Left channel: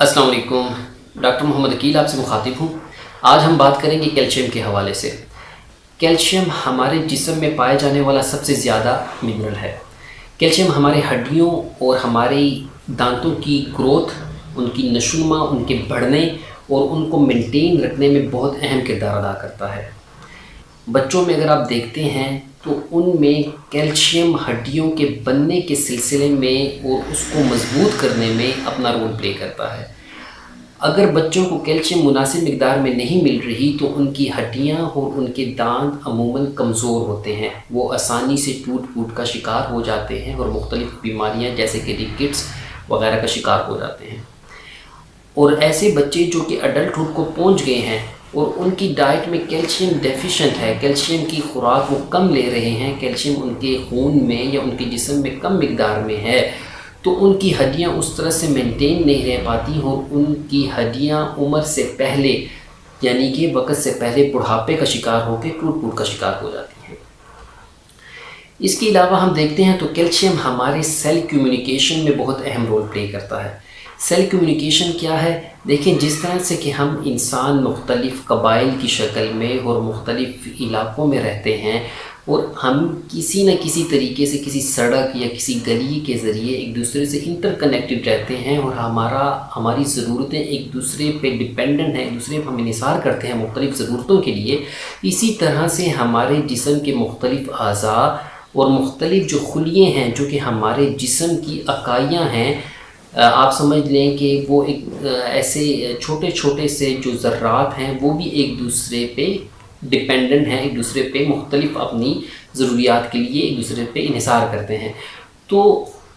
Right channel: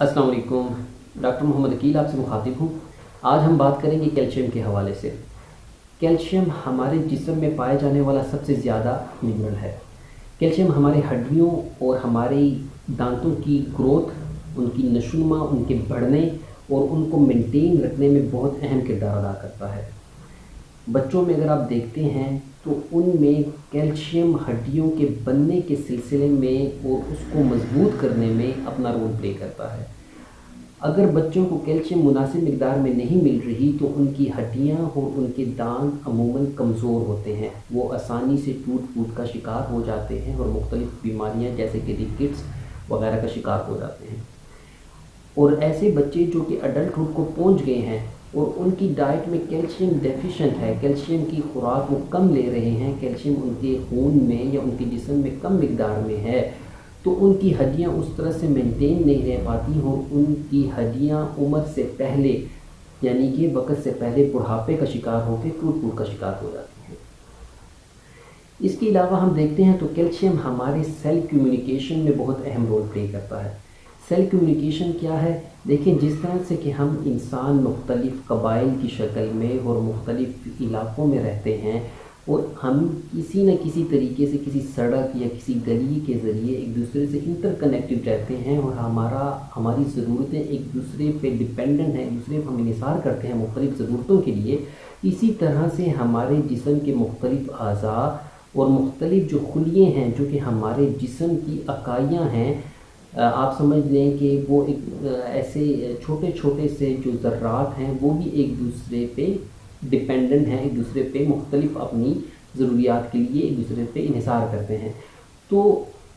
السلام علیکم، ڈاکٹر محمد عقیل آپ سے مخاطب ہوں۔ آج ہم بات کریں گے کیلشیم کے حوالے سے۔ کیلشیم ہمارے جسم میں پائے جانے والا سب سے زیادہ منرل ہے۔ کیلشیم ہمارے ہڈیوں اور ہماری دانتوں کی گروتھ، ان کی نشوونما، ان کے بڑھنے اور ان کو مینٹین رکھنے میں بہت اہم کردار ادا کرتا ہے۔ بچوں میں اگر آپ دیکھتے ہیں تو ان میں کیلشیم ہڈیوں کے بننے کے سلسلے میں اور اس کو مضبوط کرنے میں اپنا رول پلے کرتا ہے۔ اگر بچوں کو کیلشیم مناسب مقدار میں نہیں مل رہی تو ان کی ہڈیاں اور ان کے دانت عموماً کمزور ہوتے ہیں، وہ آسانی سے ٹوٹ کا شکار ہو جاتے ہیں اور مختلف بیماریاں جیسے کہ رکٹس وغیرہ کا شکار ہو جاتے ہیں۔ اور ایسے بچے جو کہ اڈلٹہڈ کو پہنچ گئے ہیں اور ان کی ڈائٹ میں کیلشیم ڈیفیشنٹ ہے، کیلشیم کی خوراک وہ کم لے رہے ہیں، کیلشیم ان کے خون میں یا ان کے جسم میں کم مقدار میں ہے، تو ان کی ہڈیاں اس طرح سے مینٹین نہیں رہ پاتی اور ان کی ہڈیاں عمر سے پہلے یعنی کہ وقت سے پہلے بڑھاپے کا شکار ہو کے ٹوٹ کا شکار ہو جاتی ہیں۔ اس کے علاوہ ہم دیکھتے ہیں تو کیلشیم ہمارے سیل کمیونیکیشن میں بہت اہم رول پلے کرتا ہے۔ سیل کمیونیکیشن کیا ہے؟ دیکھیں، جس طرح سے کہ ہم انسان مختلف قبائل کی شکل میں اور مختلف علاقوں میں رہتے ہیں اور ہم کسی نہ کسی طریقے سے کسی سڑک یا کسی گلی کے ذریعے ایک دوسرے سے انٹر کنیکٹڈ رہتے ہیں اور ہماری ضرورتیں ایک دوسرے پہ ڈپینڈنٹ ہیں، ایک دوسرے پہ ہم انحصار کرتے ہیں مختلف ضرورتوں کے لیے، اسی طرح سے ہمارے جسم کے مختلف اعضاء اور مختلف جو خلیے ہیں جو کہ ہمارے جسم کی اکائیاں ہیں، آپ سمجھ لیں کہ وہ ایک ایسے چھوٹے چھوٹے سے جو ذرات ہیں وہ بھی ایک دوسرے پہ ڈپینڈنٹ ہیں، ایک دوسرے پہ مختلف اپنی ضروریات کے لیے ایک دوسرے پہ انحصار کرتے ہیں۔ تو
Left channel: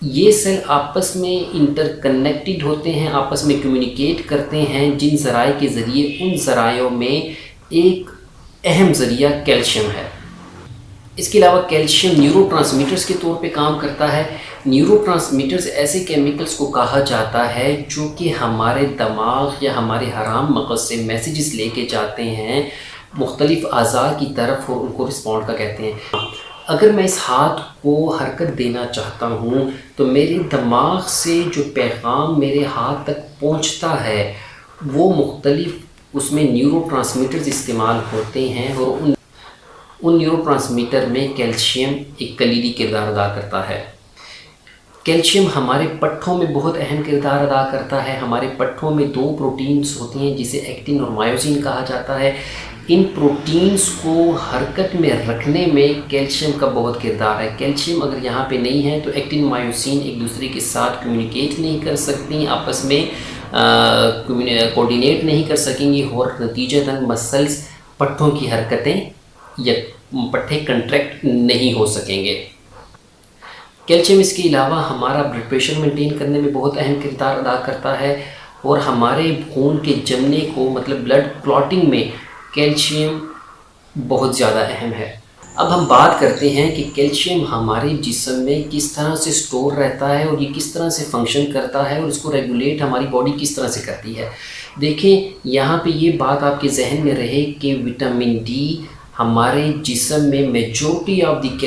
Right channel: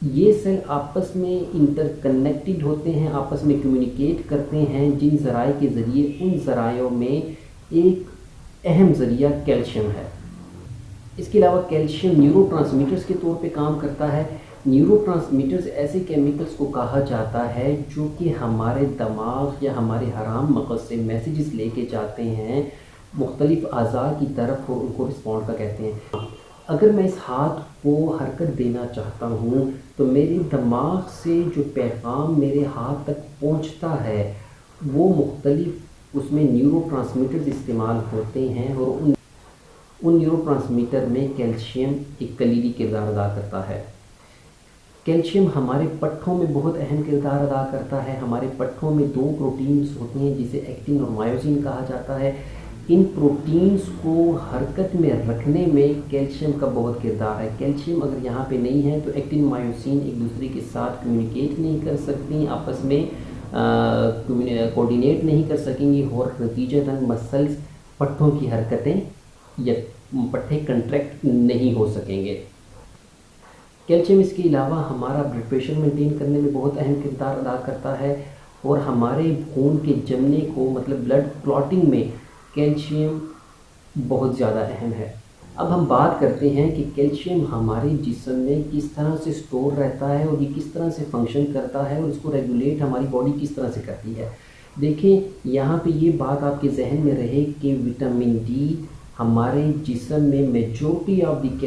یہ سیل آپس میں انٹر کنیکٹڈ ہوتے ہیں، آپس میں کمیونیکیٹ کرتے ہیں، جن ذرائع کے ذریعے ان ذرائعوں میں ایک اہم ذریعہ کیلشیم ہے۔ اس کے علاوہ کیلشیم نیورو ٹرانسمیٹرز کے طور پہ کام کرتا ہے۔ نیورو ٹرانسمیٹرز ایسے کیمیکلز کو کہا جاتا ہے جو کہ ہمارے دماغ یا ہمارے حرام مغز سے میسیجز لے کے جاتے ہیں مختلف اعضاء کی طرف اور ان کو رسپونڈ کا کہتے ہیں۔ اگر میں اس ہاتھ کو حرکت دینا چاہتا ہوں تو میرے دماغ سے جو پیغام میرے ہاتھ تک پہنچتا ہے وہ مختلف اس میں نیورو ٹرانسمیٹرز استعمال ہوتے ہیں اور ان نیورو ٹرانسمیٹر میں کیلشیم ایک کلیدی کردار ادا کرتا ہے۔ کیلشیم ہمارے پٹھوں میں بہت اہم کردار ادا کرتا ہے۔ ہمارے پٹھوں میں 2 پروٹینز ہوتی ہیں جسے ایکٹن اور مایوسین کہا جاتا ہے۔ ان پروٹینز کو حرکت میں رکھنے میں کیلشیم کا بہت کردار ہے۔ کیلشیم اگر یہاں پہ نہیں ہے تو ایکٹن مایوسین ایک دوسرے کے ساتھ کمیونیکیٹ نہیں کر سکتی، آپس میں کوآرڈینیٹ نہیں کر سکیں گی اور نتیجتاً مسلز پٹھوں کی حرکتیں یا پٹھے کنٹریکٹ نہیں ہو سکیں گے۔ کیلشیم اس کے علاوہ ہمارا بلڈ پریشر مینٹین کرنے میں بہت اہم کردار ادا کرتا ہے اور ہمارے خون کے جمنے کو مطلب بلڈ کلاٹنگ میں کیلشیم بہت زیادہ اہم ہے۔ اب ہم بات کرتے ہیں کہ کیلشیم ہمارے جسم میں کس طرح سے سٹور رہتا ہے اور یہ کس طرح سے فنکشن کرتا ہے اور اس کو ریگولیٹ ہماری باڈی کس طرح سے کرتی ہے۔ دیکھیں، یہاں پہ یہ بات آپ کے ذہن میں رہے کہ وٹامن ڈی ہمارے جسم میں میجورٹی آف دی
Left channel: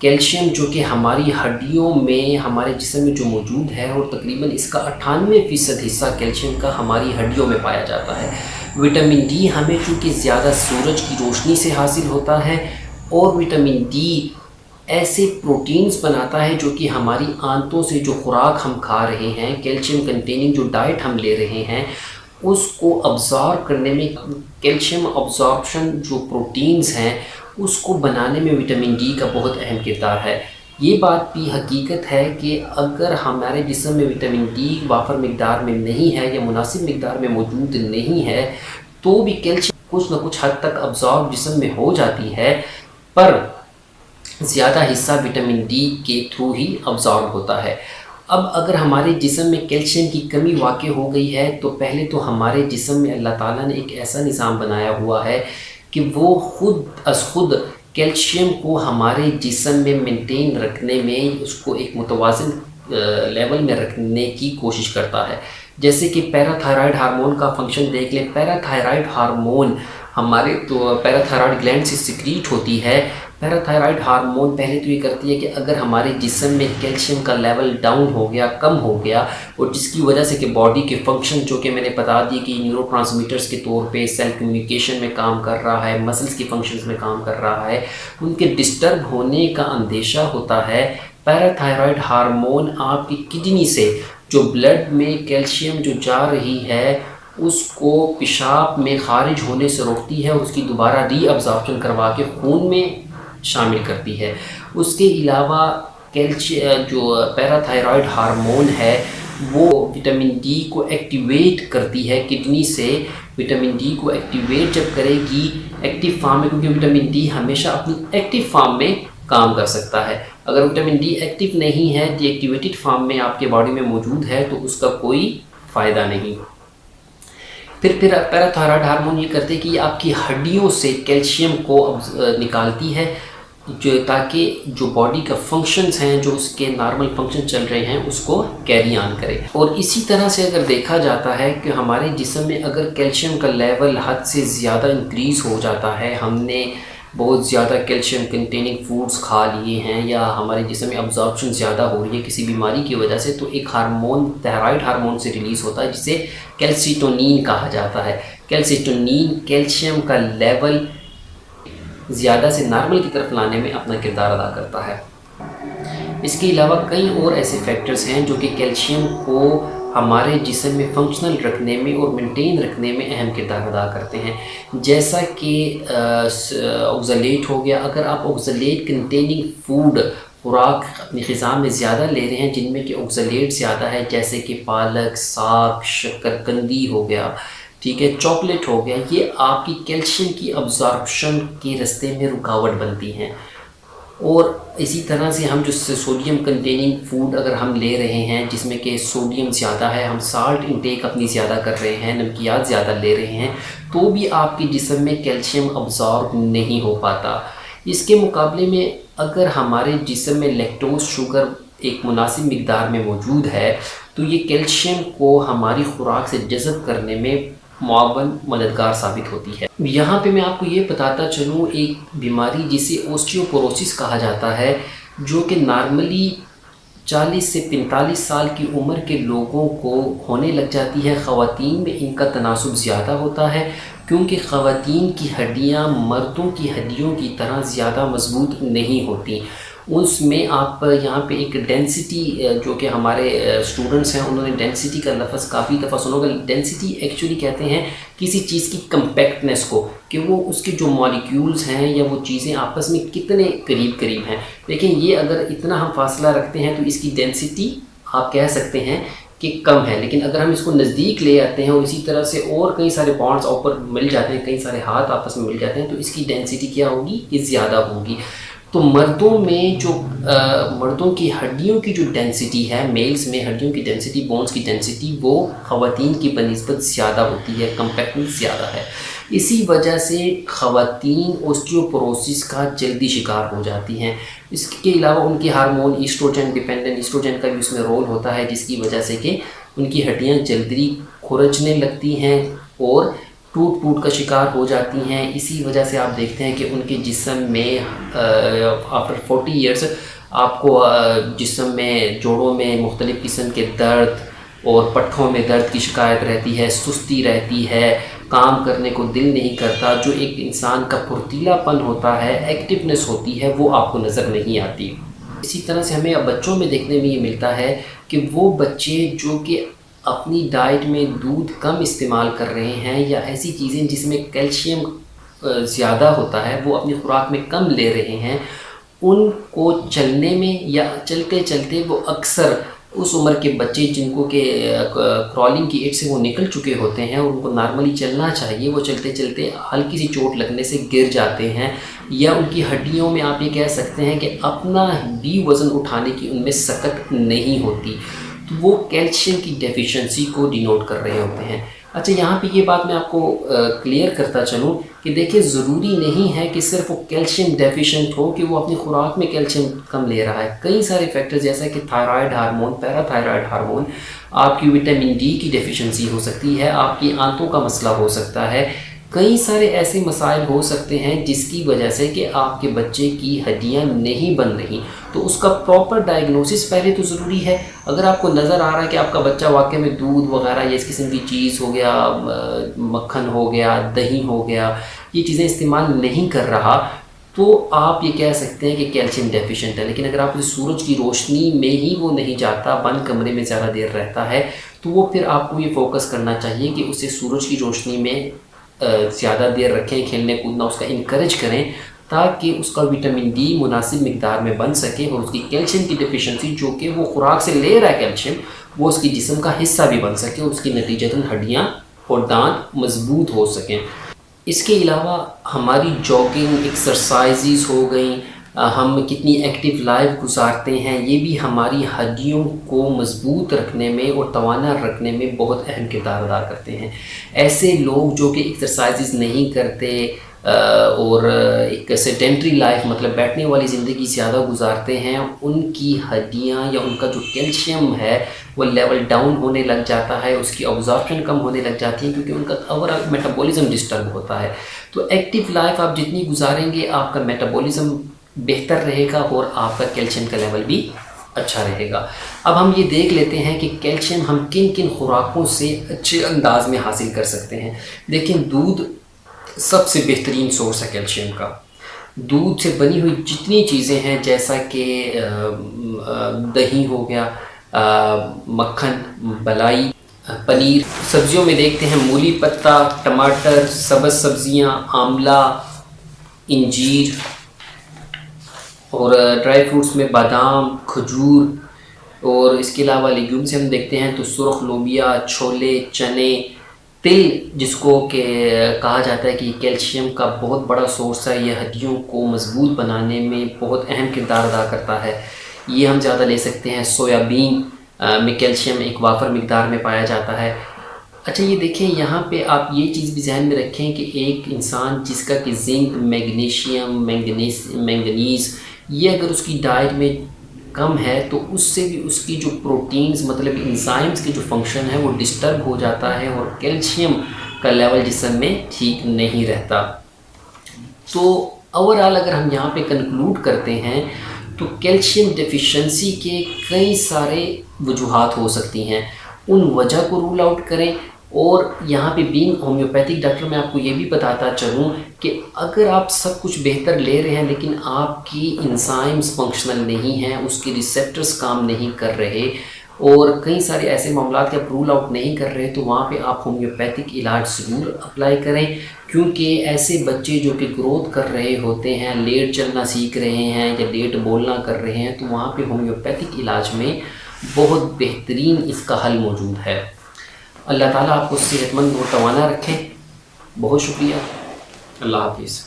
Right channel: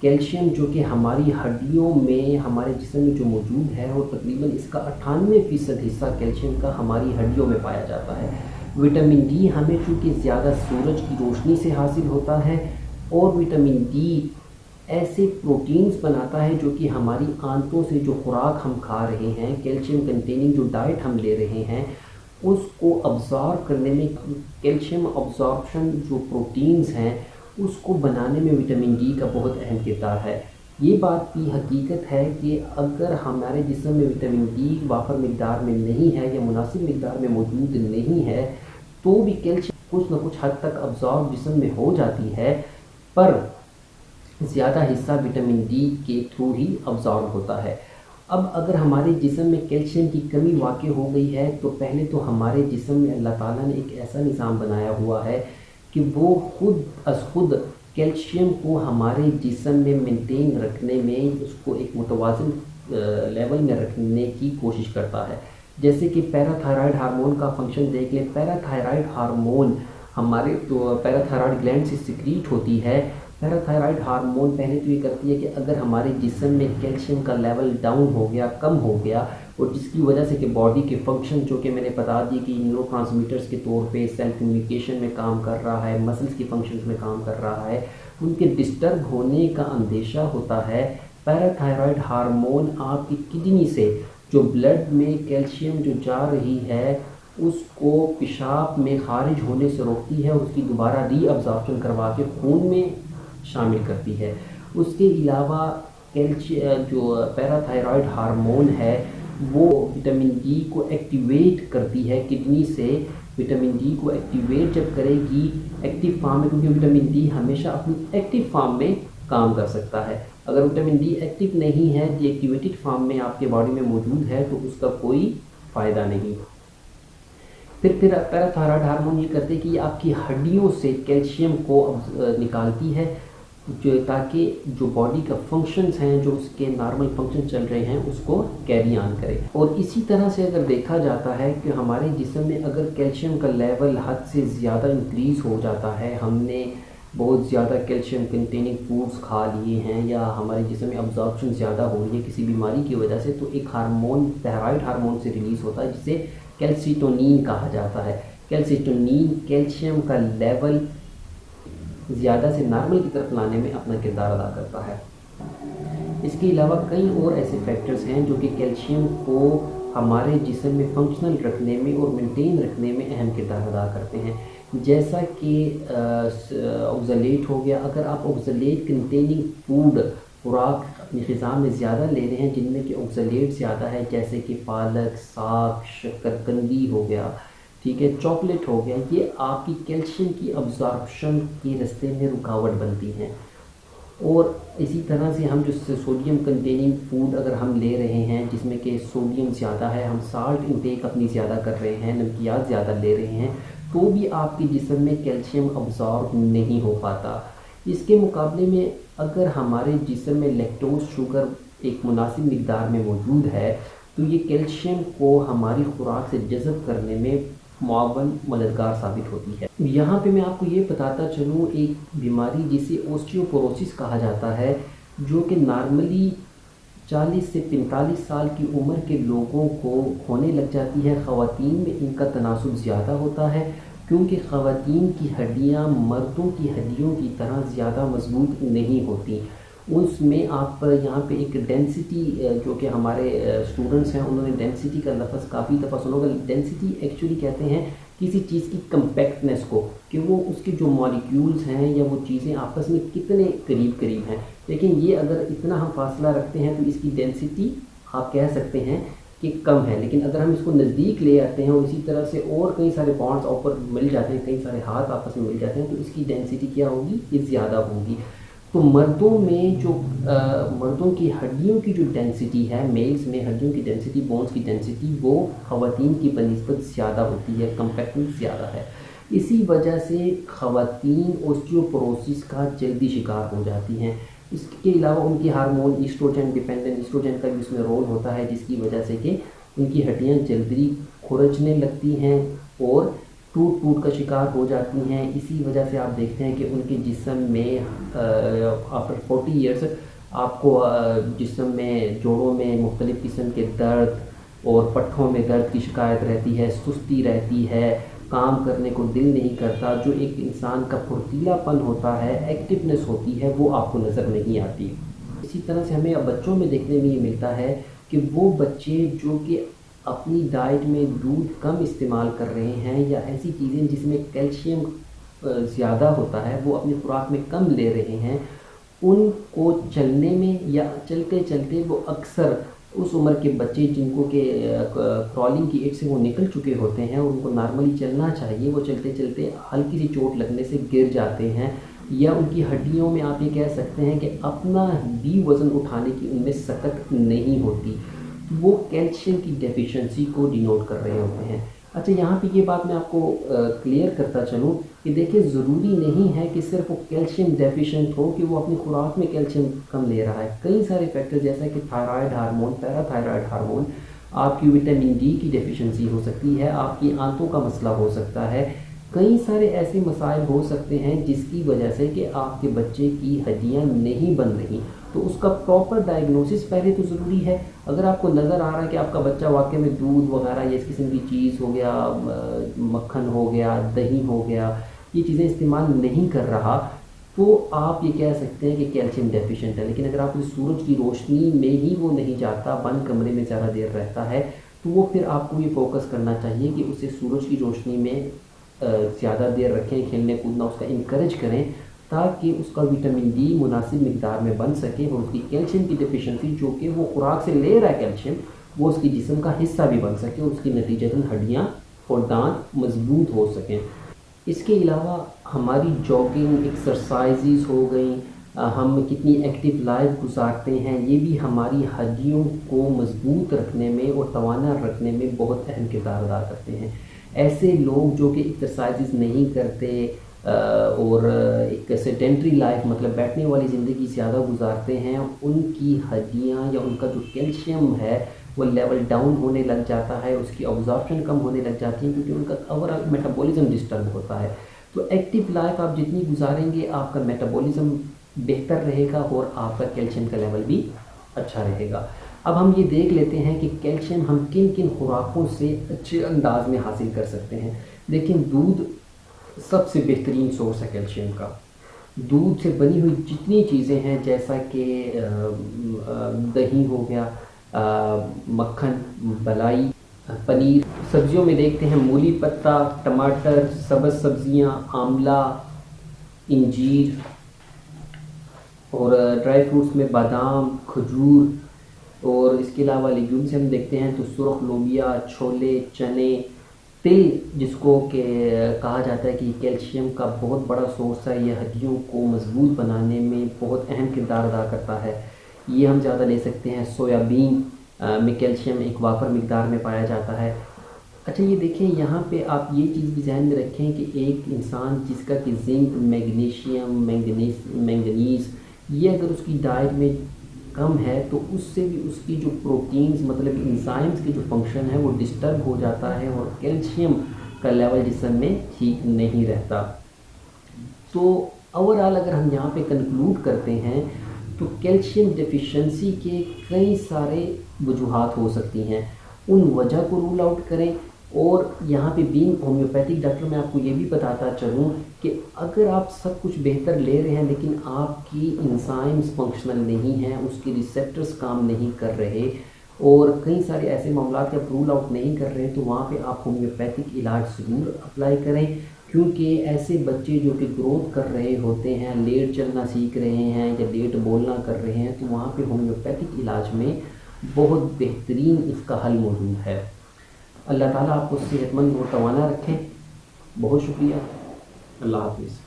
کیلشیم جو کہ ہماری ہڈیوں میں ہمارے جسم میں جو موجود ہے اور تقریباً اس کا 98% حصہ کیلشیم کا ہماری ہڈیوں میں پایا جاتا ہے۔ وٹامن ڈی ہمیں چونکہ زیادہ سورج کی روشنی سے حاصل ہوتا ہے اور وٹامن ڈی ایسے پروٹینز بناتا ہے جو کہ ہماری آنتوں سے جو خوراک ہم کھا رہے ہیں، کیلشیم کنٹیننگ جو ڈائٹ ہم لے رہے ہیں، اس کو ابزارب کرنے میں کیلشیم ابزارپشن جو پروٹینز ہیں اس کو بنانے میں وٹامن ڈی کا بہت اہم کردار ہے۔ یہ بات بھی حقیقت ہے کہ اگر ہمارے جسم میں وٹامن ڈی وافر مقدار میں نہیں ہے یا مناسب مقدار میں موجود نہیں ہے تو بھی کیلشیم کچھ نہ کچھ حد تک ابزارب جسم میں ہو جاتی ہے، پر زیادہ حصہ وٹامن ڈی کے تھرو ہی ابزارب ہوتا ہے۔ اب اگر ہمارے جسم میں کیلشیم کی کمی واقع ہو گئی ہے تو پہلے تو ہمارے جسم میں اللہ تعالیٰ نے ایک ایسا نظام بنایا ہوا ہے کہ وہ خود کیلشیم کو ہمارے جسم میں مینٹین رکھنے میں اس کو ایک متوازن لیول میں رکھنے کی کوشش کرتا ہے۔ جیسے کہ پیراتھائرائڈ ہارمون کا فنکشن دیکھ لیں۔ پیراتھائرائڈ ہارمون ہمارے تو پیراتھائرائڈ گلینڈ سے سیکریٹ ہوتی ہے پیراتھائرائڈ ہارمون پہلے تو یہ کرتی ہے کہ اگر ہمارے جسم میں کیلشیم کا لیول ڈاؤن ہو گیا، کم ہو گیا، اور جس کی وجہ سے کہ باڈی کے فنکشن جو کہ میں نے بتا دی کہ نیورو ٹرانسمیٹرز کے طور پہ سیل کمیونیکیشن میں کام کر رہا ہے، مسلز کی فنکشنز میں کام کر رہا ہے، ان کے ڈسٹرب ہونے کا اندیشہ ہوتا ہے، پیراتھائرائڈ ہارمون آپ کی کڈنی سے جو بلڈ میں کیلشیم جو جا رہی ہے اس کو پیشاب میں خارج ہونے سے روکتی ہے اور اس کی دوبارہ ری ابزارپشن کروا کے خون میں شامل کرتی ہے۔ اس کے علاوہ جو پیراتھائرائڈ ہارمون ہے وہ وٹامن ڈی کو ایکٹیویٹ کرتی ہے کڈنی سے۔ وٹامن ڈی کو ایکٹیویٹ جب کرے گی ایکٹیو فارم میں، کیونکہ وٹامن ڈی ہمیشہ اپنی ایکٹیو فارم میں کام کر سکتا ہے، اگر وٹامن ڈی ایکٹیو نہیں ہے، ڈی ایکٹیویٹڈ فارم میں آپ کے باڈی میں موجود ہے تو اس کا کوئی فائدہ نہیں۔ پھر پیراتھائرائڈ ہارمون یہ کرتے ہیں کہ یہ آپ کی ہڈیوں سے کیلشیم کو نکالتی ہے، تاکہ جو باڈی کا فنکشنز ہیں، جو اس کے نارمل فنکشن چل رہے ہیں، اس کو کیری آن کرے۔ اور اسی طرح سے اگر دیکھا جاتا ہے کہ ہمارے جسم میں اگر کیلشیم کا لیول حد سے زیادہ انکریز ہو جاتا ہے، ہم نے بہت زیادہ کیلشیم کنٹیننگ فوڈز کھا لیے ہیں یا ہمارے جسم میں ابزارپشن زیادہ ہو رہی ہے کسی بیماری کی وجہ سے، تو ایک ہارمون تائرائڈ ہارمون سے ریلیز ہوتا ہے جسے کیلسیٹونین کہا جاتا ہے۔ کیلسیٹونین کیلشیم کا لیول زیادہ سے نارمل کی طرف لانے میں اپنا کردار ادا کرتا ہے۔ اس کے علاوہ کئی اور ایسے فیکٹرز ہیں جو کہ کیلشیم کو ہمارے جسم میں فنکشنل رکھنے میں اور مینٹین رکھنے میں اہم کردار ادا کرتے ہیں، جیسا کہ آکزالیٹ ہو گیا۔ اگر آپ آکزالیٹ کنٹیننگ فوڈ خوراک اپنی غذا میں زیادہ لے رہے ہیں جن میں کہ آکزالیٹ زیادہ ہے، جیسے کہ پالک، ساگ، شکرکندی ہو گیا، ٹھیک ہے، چاکلیٹ ہو گیا، یہ آپ کی کیلشیم کی ابزارپشن کے رستے میں رکاوٹ بنتی ہیں۔ اور اسی طرح سے ہم جو سوڈیم کنٹیننگ فوڈ اگر ہم لے رہے ہیں جس میں کہ سوڈیم زیادہ ہے، ہم سالٹ انٹیک اپنی زیادہ کر رہے ہیں، نمکیات زیادہ لے رہے ہیں، تو بھی آپ کے جسم میں کیلشیم ابزارب نہیں ہو پاتا۔ اس کے مقابلے میں اگر ہمارے جسم میں لیکٹوز شوگر ایک مناسب مقدار میں موجود ہے تو یہ کیلشیم کو ہماری خوراک سے جذب کرنے میں معاون مددگار ثابت ہوتی ہے۔ یہاں پہ میں آپ کو یہ بتاتا چلوں، ایک بیماری جسے اوسٹیوپوروسس کہا جاتا ہے، جو کہ نارملی 40 سے 45 سال کی عمر کے لوگوں کو ہونے لگ جاتی ہے۔ خواتین میں ان کا تناسب زیادہ ہوتا ہے کیونکہ خواتین کی ہڈیاں مردوں کی ہڈیوں کی طرح زیادہ مضبوط نہیں ہوتی۔ اس میں آپ یہاں پہ ایک ڈینسٹی، جو کہ ہمارے اسٹوڈنٹس ہیں انہوں نے ڈینسٹی کا لفظ کافی دفعہ سنو گے۔ ڈینسٹی ایکچولی کہتے ہیں کسی چیز کی کمپیکٹنس کو، کہ وہ اس کے جو مالیکیولز ہیں یا وہ چیزیں آپس میں کتنے قریب قریب ہیں۔ لیکن یہ اگر اتنا ہم فاصلہ رکھتے ہیں تو اس کی ڈینسٹی آپ کہہ سکتے ہیں کہ کم ہے، لیکن اگر ہم اس کو نزدیک لے آتے ہیں اور اسی طرح سے اور کئی سارے بانڈز اوپر مل جاتے ہیں، کئی سارے ہاتھ آپس میں مل جاتے ہیں، تو اس کی ڈینسٹی کیا ہوگی؟ یہ زیادہ ہوگی۔ تو مردوں میں جو مردوں کی ہڈیوں کی جو ڈینسٹی ہے، میلز میں ہڈیوں کی ڈینسٹی، بونز کی ڈینسٹی، وہ خواتین کی بنسبت زیادہ ہوتی ہے، کمپیکٹنس زیادہ ہے۔ اسی وجہ سے خواتین اوسٹیوپوروسس کا جلدی شکار ہو جاتی ہیں۔ اس کے علاوہ ان کی ہارمون ایسٹروجن ڈیپینڈنٹ، ایسٹروجن کا بھی اس میں رول ہوتا ہے، جس کی وجہ سے کہ ان کی ہڈیاں جلدی کھرچنے لگتی ہیں اور ٹوٹ کا شکار ہو جاتی ہیں۔ اسی وجہ سے آپ دیکھتے ہیں کہ ان کے جسم میں آفٹر 40 ایئرس آپ کو جسم میں جوڑوں میں مختلف قسم کے درد اور پٹھوں میں درد کی شکایت رہتی ہے، سستی رہتی ہے، کام کرنے کو دل نہیں کرتا، جو ایک انسان کا پھرتیلا پن ہوتا ہے، ایکٹیونیس ہوتی ہے، وہ آپ کو نظر نہیں آتی۔ اسی طرح سے ہمیں بچوں میں دیکھنے میں یہ ملتا ہے کہ وہ بچے جو کہ اپنی ڈائٹ میں دودھ کم استعمال کر رہے ہیں یا ایسی چیزیں جس میں کیلشیم زیادہ ہوتا ہے وہ اپنی خوراک میں کم لے رہے ہیں، ان کو چلنے میں یا چلتے چلتے وہ اکثر اس عمر کے بچے جن کو کہ کرالنگ کی ایج سے وہ نکل چکے ہوتے ہیں اور ان کو نارملی چلنا چاہیے، وہ چلتے چلتے ہلکی سی چوٹ لگنے سے گر جاتے ہیں، یا ان کی ہڈیوں میں آپ یہ کہہ سکتے ہیں کہ اپنا بھی وزن اٹھانے کی ان میں سکت نہیں ہوتی، تو وہ کیلشیم کی ڈیفیشنسی کو ڈینوٹ کر رہے ہوتے ہیں۔ اچھا، یہاں پہ یہ بات میں آپ کو کلیئر کرتا چلوں کہ دیکھیں ضروری نہیں ہے کہ صرف وہ کیلشیم ڈیفیشنٹ ہو کہ وہ اپنی خوراک میں کیلشیم کم لے رہا ہے۔ کئی سارے فیکٹر جیسا کہ تھائرائڈ ہارمون، پیراتھائرائڈ ہارمون، آپ کی وٹامن ڈی کی ڈیفیشنسی ہو سکتی ہے، آپ کی آنتوں کا مسئلہ ہو سکتا ہے، کئی سارے ایسے مسائل ہو سکتے ہیں جس کی وجہ سے کہ آپ کے بچے کی ہڈیاں نہیں بن رہی، تو اس کا پراپر ڈائگنوسس پہلے تو ضروری ہے۔ اگر آپ کو نظر آ رہا ہے کہ آپ کا بچہ واقعی میں دودھ وغیرہ یا اس قسم کی چیز ہو گیا، مکھن ہو گیا، دہی ہو گیا، یہ چیزیں استعمال نہیں کر رہا، تو آپ یہ کہہ سکتے ہیں کہ کیلشیم ڈیفیشینٹ ہے۔ لیکن اگر آپ اسے سورج کی روشنی میں ہی وہ نہیں جاتا، بند کمرے میں زیادہ دیر رہتا ہے، تو وہ پھر آپ کو یہ فوکس کرنا چاہیے کہ اسے سورج کی روشنی میں زیادہ دیر رکھیں، کھیلنے کودنا اس کا انکریج کریں، تاکہ اس کا وٹامن ڈی مناسب مقدار میں بن سکے اور اس کی کیلشیم کی ڈیفیشنسی جو کہ وہ خوراک سے لے رہا ہے کیلشیم، وہ اس کی جسم کا حصہ بھی بن سکے اور اس کی نتیجتاً ہڈیاں اور دانت مضبوط ہو سکیں۔ اس کے علاوہ ہماری جاگنگ ایکسرسائزز ہو گئیں، ہم کتنی ایکٹیو لائف گزارتے ہیں، یہ بھی ہماری ہڈیوں کو مضبوط رکھنے میں اور توانا رکھنے میں بہت اہم کردار ادا کرتے ہیں۔ ایسے لوگ جو کہ ایکسرسائزز نہیں کرتے اور ایک سیڈنٹری لائف مطلب بیٹھنے والی زندگی زیادہ گزارتے ہیں، ان کی ہڈیاں یا ان کا جو کیلشیم ہے وہ لیول ڈاؤن ہونے لگ جاتا ہے، اس کی ابزارپشن کم ہونے لگ جاتی ہے، کیونکہ ان کا اوور آل میٹابولزم ڈسٹرب ہوتا ہے۔ تو ایکٹیو لائف آپ جتنی گزاریں گے آپ کا میٹابولزم بہتر رہے گا اور آپ کا کیلشیم کا لیول بھی اچھا رہے گا۔ اب ہم یہ دیکھ لیتے ہیں کہ کیلشیم ہم کن کن خوراکوں سے اچھے انداز میں حاصل کر سکتے ہیں۔ دیکھیں، دودھ سب سے بہترین سورس ہے کیلشیم کا۔ دودھ سے بنی ہوئی جتنی چیزیں ہیں جیسا کہ دہی ہو گیا، مکھن، ملائی، پنیر، سبزیوں میں دیکھتے ہیں مولی پتہ، ٹماٹر، سبز سبزیاں، آملہ، انجیر، اور ڈرائی فروٹس میں بادام، کھجور، اور اس کے علاوہ لیگیوم سے ہم دیکھتے ہیں تو سرخ لوبیا، چھولے، چنے، تل جس کو کہ کہا جاتا ہے کہ کیلشیم کا بہت بڑا سورس ہے، یہ ہڈیوں کو مضبوط بنانے میں بہت اہم کردار ادا کرتا ہے، یہ ہم زیادہ لے سکتے ہیں۔ سویابین میں کیلشیم ایک وافر مقدار میں پایا جاتا ہے۔ اچھا، یہ دیکھیں یہاں پہ آپ یہ چیز بھی ذہن میں رکھیں کہ ایک انسان جس کا کہ زنک، میگنیشیم، مینگنیز یہ اگر اس کی ڈائٹ میں کم ہے تو اس سے بھی اس کی جو پروٹینز مطلب انزائمز کی جو فنکشن ہے وہ ڈسٹرب ہو جاتا ہے اور کیلشیم کا لیول جسم میں ٹھیک نہیں رہتا۔ تو اوورآل اگر ہم یہاں پہ کنکلوڈ کرتے ہیں تو کیلشیم ڈیفیشنسی کے کئی سارے وجوہات ہو سکتی ہیں، ان وجہ کو رول آؤٹ کریں۔ اور یہاں پہ بینگ ہومیوپیتھک ڈاکٹر میں آپ کو یہ بھی بتاتا چلوں کہ اگر آپ سب کچھ بہتر لے رہے ہیں لیکن آپ کی انزائمز فنکشنل نہیں ہیں، اس کی ریسیپٹرز کام نہیں کر رہے اور کئی سارے ایسے معاملات کے آپ رول آؤٹ نہیں کر رہے، تو وہاں پہ آپ ہومیوپیتھک علاج ضرور اپلائی کریں، کیونکہ ایسے بچے جو کہ گروتھ کر رہے ہوتے ہیں، لیٹ چلنا سیکھ رہے ہیں یا لیٹ بولنا کر رہے ہیں، تو وہاں پہ ہومیوپیتھک علاج میں بہت بہترین اس کا حل موجود ہے۔ اللہ تعالیٰ آپ کو صحت مند اور توانا رکھے۔ بہت شکریہ۔ اللہ حافظ۔